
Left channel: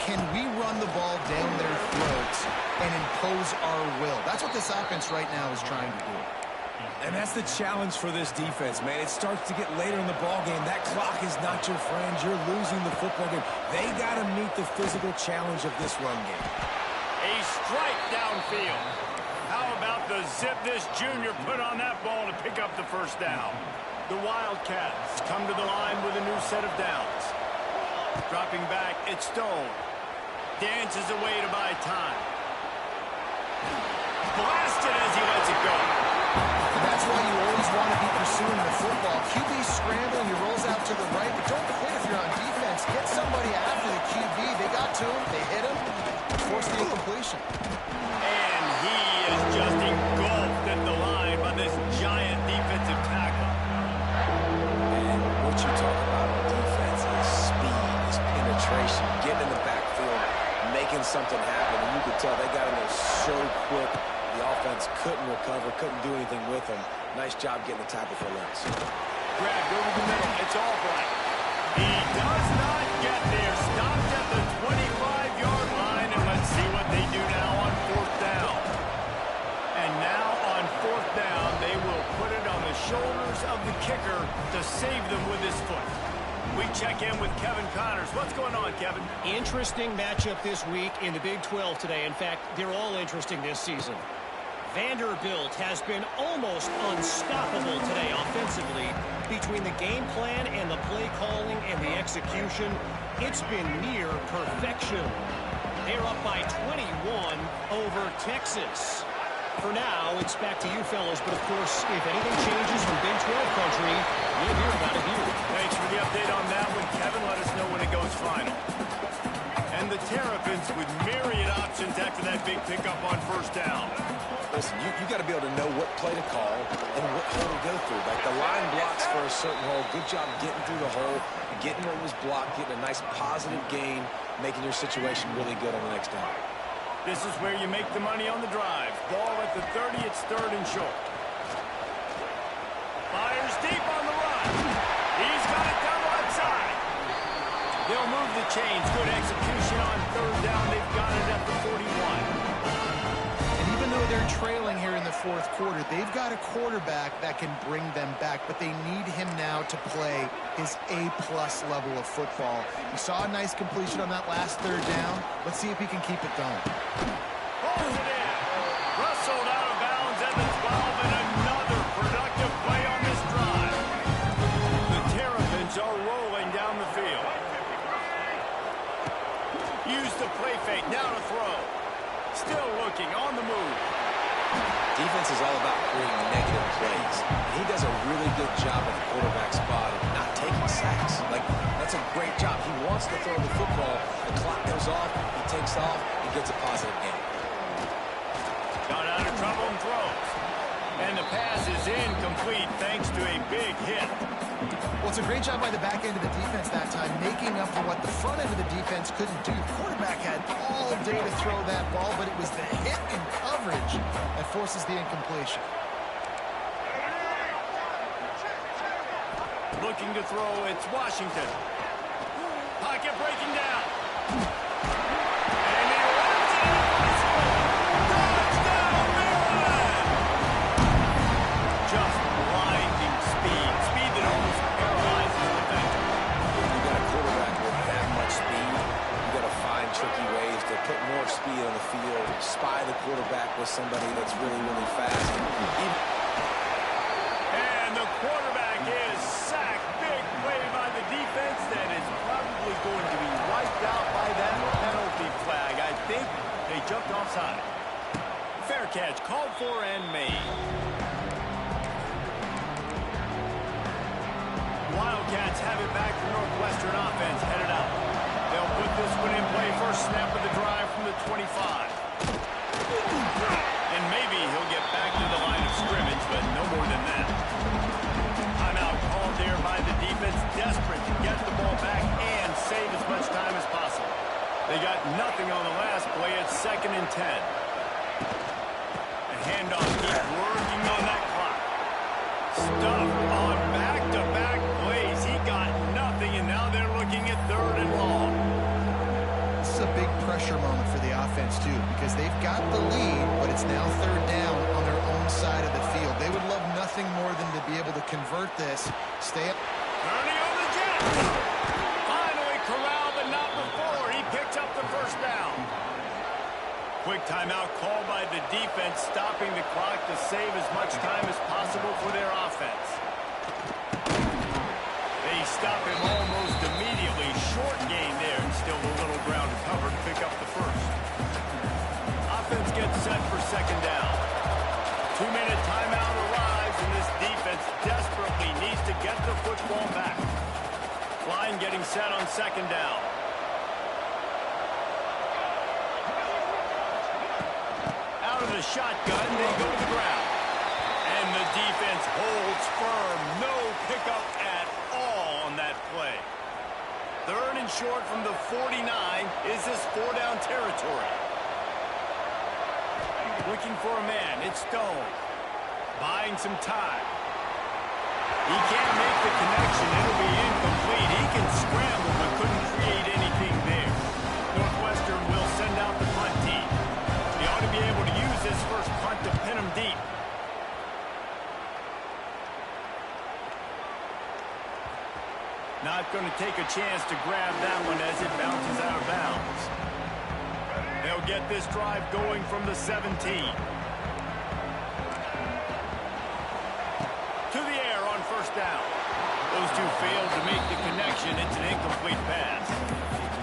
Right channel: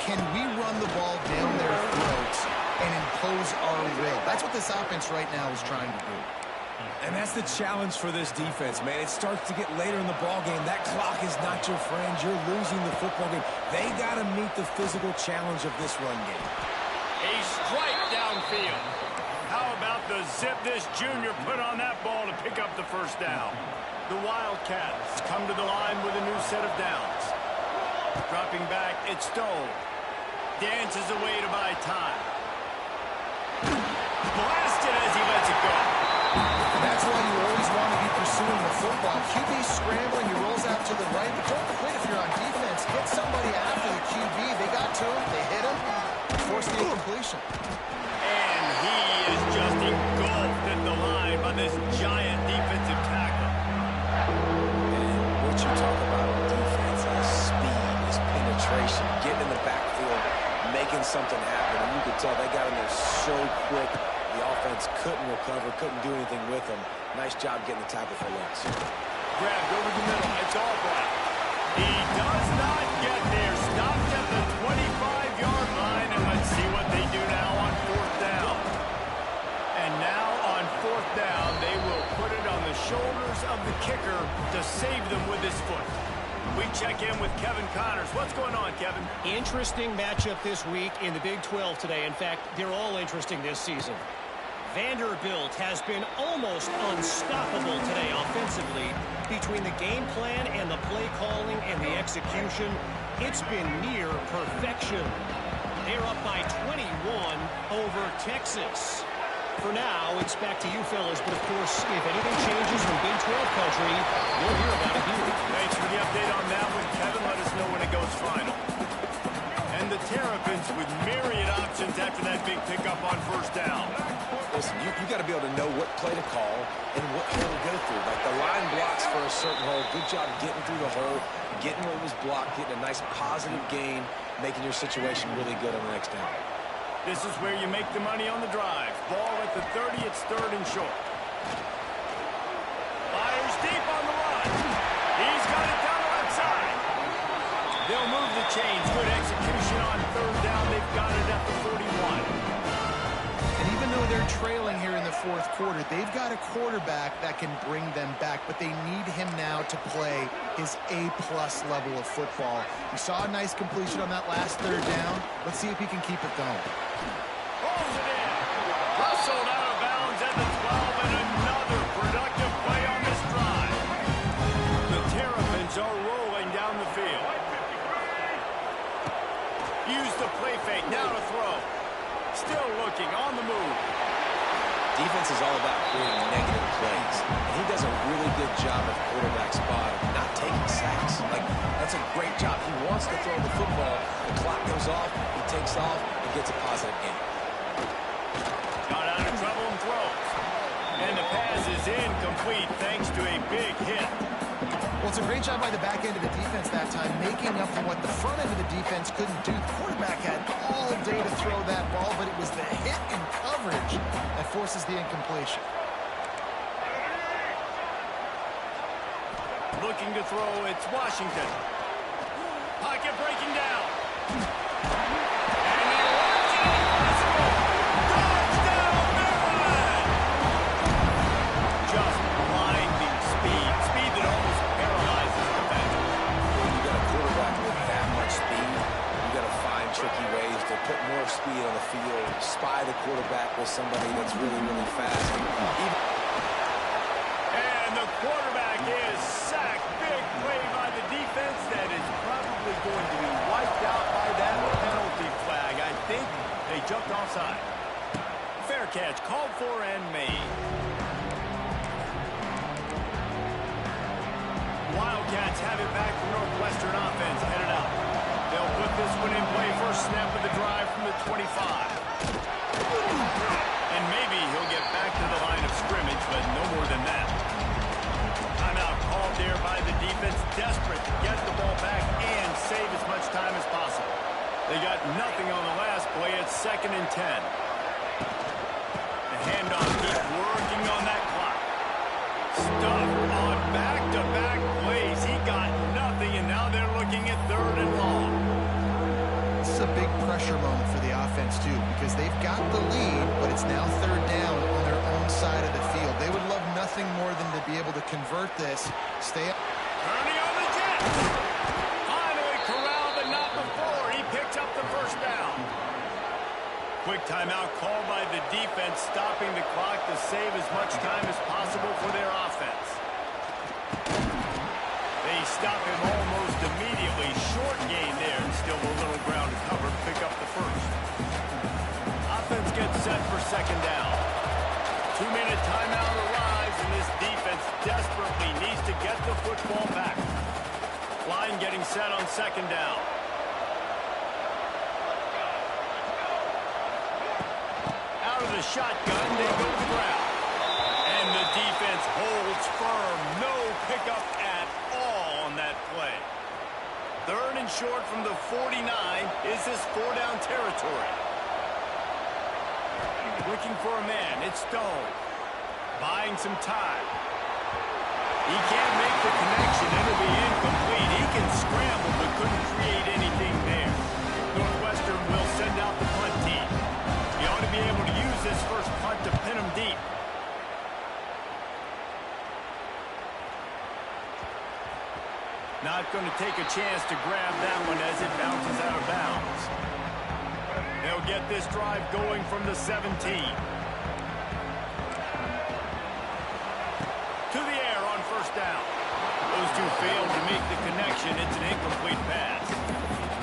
Can we run the ball down their throats and impose our will? That's what this offense right now is trying to do. And that's the challenge for this defense, man. It starts to get later in the ball game. That clock is not your friend. You're losing the football game. They got to meet the physical challenge of this run game. A strike downfield. How about the zip this junior put on that ball to pick up the first down? The Wildcats come to the line with a new set of downs. Dropping back, it's Stone. Dances away to buy time. Blasted as he lets it go. And that's why you always want to be pursuing the football. QB scrambling, he rolls out to the right, but don't quit if you're on defense. Get somebody after the QB. They got to him, they hit him, forced the incompletion. And he is just engulfed at the line by this giant defensive tackle. And what you talk about on defense is speed, is penetration, getting in the backfield, making something happen. And you could tell they got in there so quick. The offense couldn't recover, couldn't do anything with them. Nice job getting the tackle for loss. Grabbed over the middle. It's Albright. He does not get there. Stopped at the 25-yard line. And let's see what they do now on fourth down. And now on fourth down, they will put it on the shoulders of the kicker to save them with his foot. We check in with Kevin Connors. What's going on, Kevin? Interesting matchup this week in the Big 12 today. In fact, they're all interesting this season. Vanderbilt has been almost unstoppable today offensively. Between the game plan and the play calling and the execution, it's been near perfection. They're up by 21 over Texas. For now, it's back to you fellas, but of course, if anything changes from Big 12 country, you'll hear about it here. Thanks for the update on that one, Kevin. Let us know when it goes final. And the Terrapins with myriad options after that big pickup on first down. Listen, you got to be able to know what play to call and what hole to go through. Like the line blocks for a certain hole. Good job getting through the hole, getting what was blocked, getting a nice positive gain, making your situation really good on the next down. This is where you make the money on the drive. Ball at the 30, it's third and short. Fires deep on the run. He's got it down the left side. They'll move the chains. Good execution on third down. They've got it at the 41. And even though they're trailing here in the fourth quarter, they've got a quarterback that can bring them back, but they need him now to play his A-plus level of football. We saw a nice completion on that last third down. Let's see if he can keep it going. Pulls it in. Rustled out of bounds at the 12, and another productive play on this drive. The Terrapins are rolling down the field. Use the play fake. Now to throw. Still looking on the move. Defense is all about creating negative plays. And he does a really good job at the quarterback spot of not taking sacks. Like, that's a great job. He wants to throw the football. The clock goes off. He takes off and gets a positive gain. Got out of trouble and throws. And the pass is incomplete thanks to a big hit. Well, it's a great job by the back end of the defense that time, making up for what the front end of the defense couldn't do. The quarterback had all day to throw that ball, but it was the hit and coverage that forces the incompletion. Looking to throw, it's Washington. Pocket breaking down. And he runs it for the score. Touchdown, Maryland! Just blinding speed. Speed that almost paralyzes defenders. When you got a quarterback with that much speed, you got to find tricky ways to put more speed on the field, spy the quarterback with somebody that's really, really fast. And the quarterback is sacked. Big play by the defense that is probably going to be wiped out by that penalty flag. I think they jumped offside. Fair catch called for and made. Wildcats have it back to Northwestern offense headed out. They'll put this one in play. First snap of the drive from the 25. And maybe he'll get back to the line of scrimmage, but no more than that. Timeout called there by the defense, desperate to get the ball back and save as much time as possible. They got nothing on the last play. It's 2nd and 10. The handoff keeps working on that clock. Stuffed on back-to-back plays. He got nothing, and now they're looking at 3rd and long. This is a big pressure moment for the offense, too, because they've got the lead, but it's now 3rd down on their own side of the field. They would love nothing more than to be able to convert this. Stay up. Turning on the jet. Finally corralled, but not before. He picked up the first down. Quick timeout called by the defense, stopping the clock to save as much time as possible for their offense. They stop him almost immediately. Short gain there, and still a little ground to cover to pick up the first. Offense gets set for 2nd down. 2-minute timeout arrives, and this defense desperately needs to get the football back. Line getting set on 2nd down. Out of the shotgun, they go to the ground. And the defense holds firm. No pickup at all on that play. 3rd and short from the 49. Is this 4-down territory? Looking for a man. It's Stone. Buying some time. He can't make the connection. It'll be incomplete. He can scramble, but couldn't create anything there. Northwestern will send out the punt team. He ought to be able to use this first punt to pin him deep. Not going to take a chance to grab that one as it bounces out of bounds. They'll get this drive going from the 17. To the air on 1st down. Those two failed to make the connection. It's an incomplete pass.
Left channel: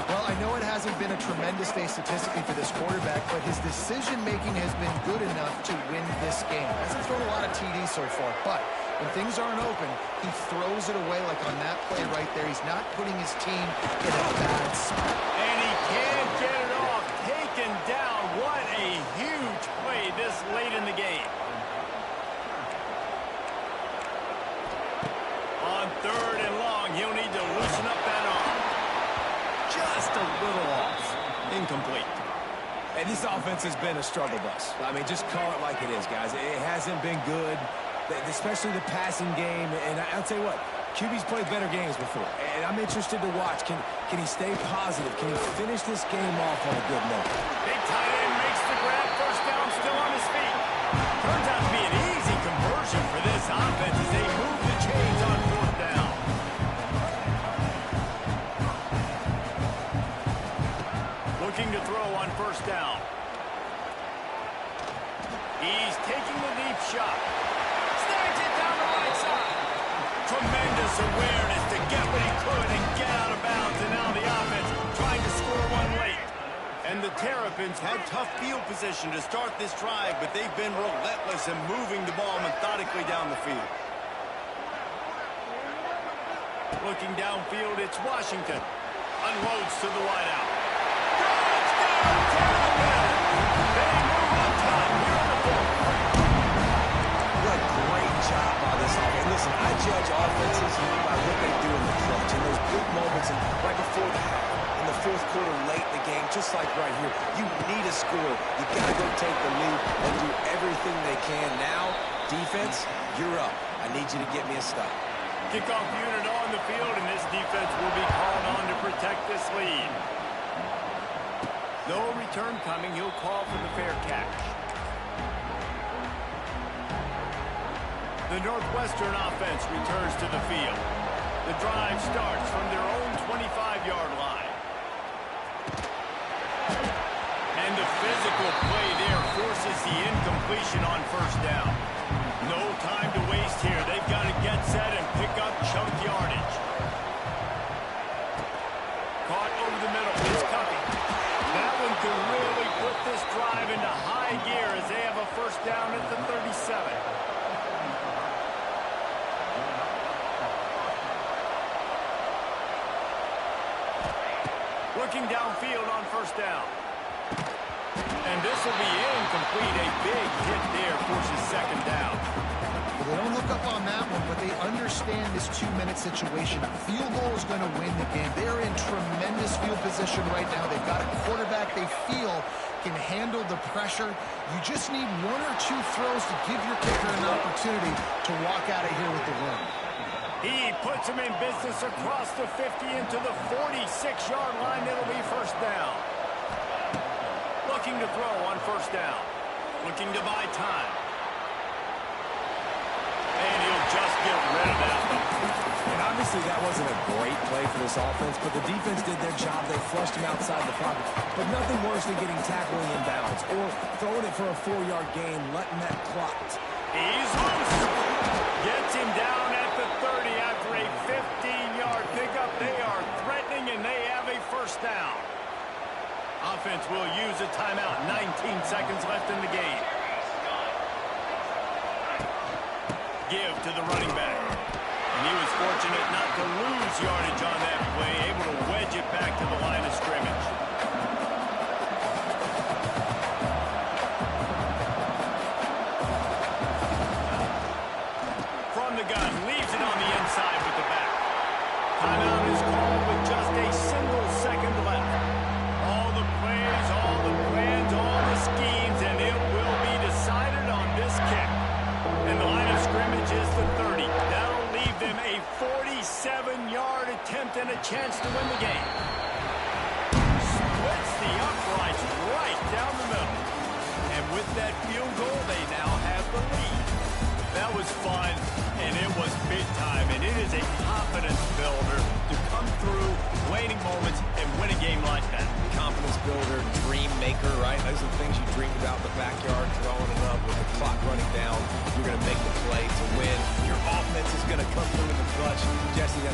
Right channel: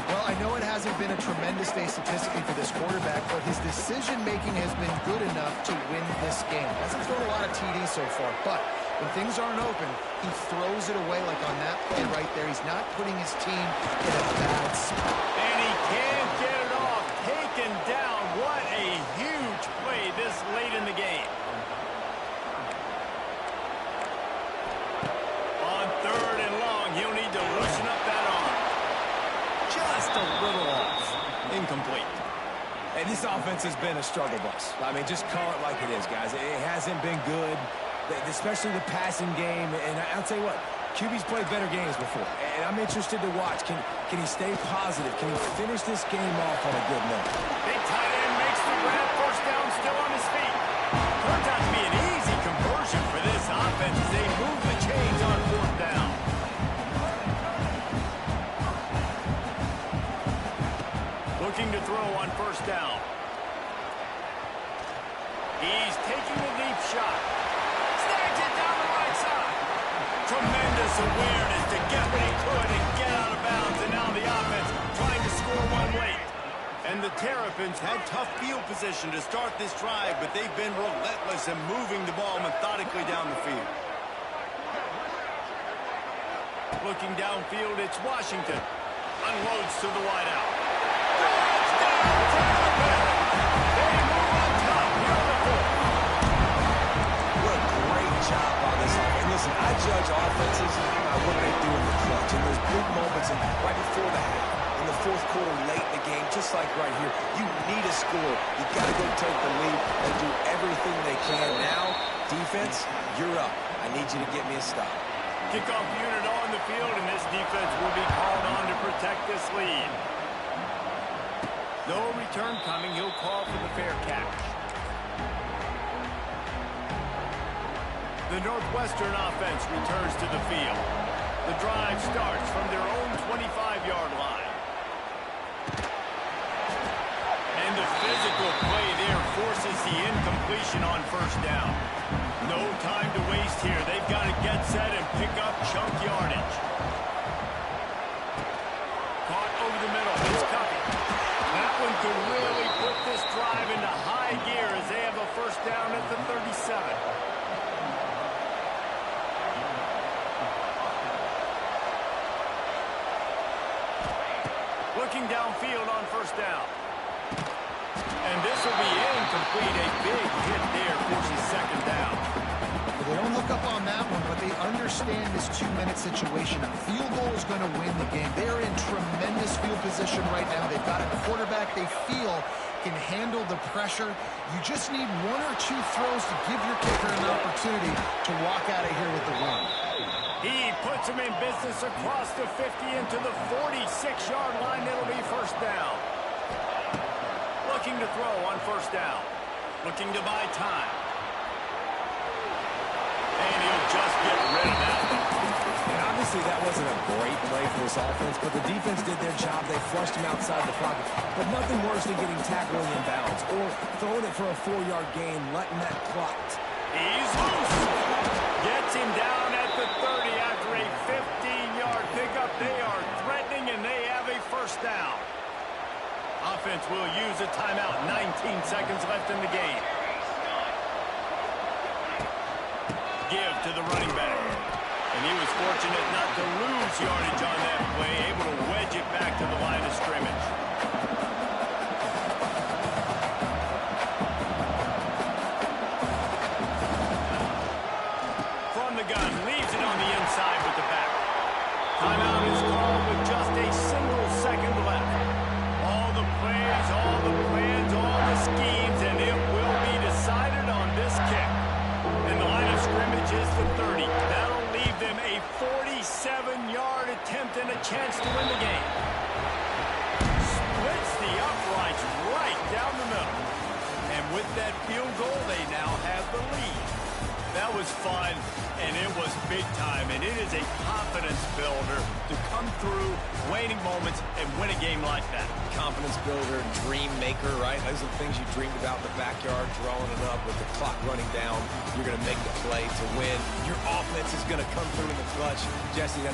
Well, I know it hasn't been a tremendous day statistically for this quarterback, but his decision-making has been good enough to win this game. Hasn't thrown a lot of TDs so far, but when things aren't open, he throws it away like on that play right there. He's not putting his team in a bad spot. And he can't get it off. Taken down. What a huge play this late in the game. On 3rd and long, he'll need to loosen up that arm. Just a little off. Incomplete. And this offense has been a struggle bus. I mean, just call it like it is, guys. It hasn't been good, especially the passing game. And I'll tell you what, QB's played better games before. And I'm interested to watch. Can he stay positive? Can he finish this game off on a good note? Big tight end makes the grab. 1st down, still on his feet. Turns out to be an easy conversion for this offense as they move the chains on 4th down. Looking to throw on 1st down. He's taking the deep shot. Snags it down the right side. Tremendous awareness to get what he could and get out of bounds. And now the offense trying to score one late. And the Terrapins had tough field position to start this drive, but they've been relentless in moving the ball methodically down the field. Looking downfield, it's Washington. Unloads to the wideout. Touchdown, Terrapins! They move on top here in the fourth. What a great job by this offense. Listen, I judge offenses by what they do in the clutch, in those big moments and right before the half. In the fourth quarter, late in the game, just like right here, you need a score. You got to go take the lead and do everything they can. Now, defense, you're up. I need you to get me a stop. Kickoff unit on the field, and this defense will be called on to protect this lead. No return coming. He'll call for the fair catch. The Northwestern offense returns to the field. The drive starts from their own 25-yard line. And the physical play there forces the incompletion on first down. No time to waste here. They've got to get set and pick up chunk yardage. Caught over the middle. It's Cuppy. That one could really put this drive into high gear as they have a first down at the 37. Looking downfield on first down. And this will be incomplete. A big hit there forces second down. Well, they don't hook up on that one, but they understand this two-minute situation. A field goal is going to win the game. They're in tremendous field position right now. They've got a quarterback they feel can handle the pressure. You just need one or two throws to give your kicker an opportunity to walk out of here with the win. He puts him in business across the 50 into the 46-yard line. It'll be first down. Looking to throw on first down. Looking to buy time. And he'll just get rid of that one. And obviously that wasn't a great play for this offense, but the defense did their job. They flushed him outside the pocket. But nothing worse than getting tackling inbounds or throwing it for a 4-yard gain, letting that clock. He's loose. Gets him down at the 30 after a 15-yard pickup. They are threatening, and they have a first down. Offense will use a timeout. 19 seconds left in the game. Give to the running back. And he was fortunate not to lose yardage on that play, able to wedge it back to the line of scrimmage. From the gun, leaves it on the inside with the back. Timeout is called with just a single second left. All the plays, all the plans, all the schemes, and it will be decided on this kick. And the line of scrimmage is the 30. That'll leave them a 47-yard attempt and a chance to win the game. Splits the uprights right down the middle. And with that field goal, they now have the lead. That was fun, and it was big time, and it is a confidence builder to come through waning moments and win a game like that. Confidence builder, dream maker, right? Those are the things you dreamed about in the backyard, throwing it up with the clock running down. You're going to make the play to win. Your offense is going to come through in the clutch. Jesse, that's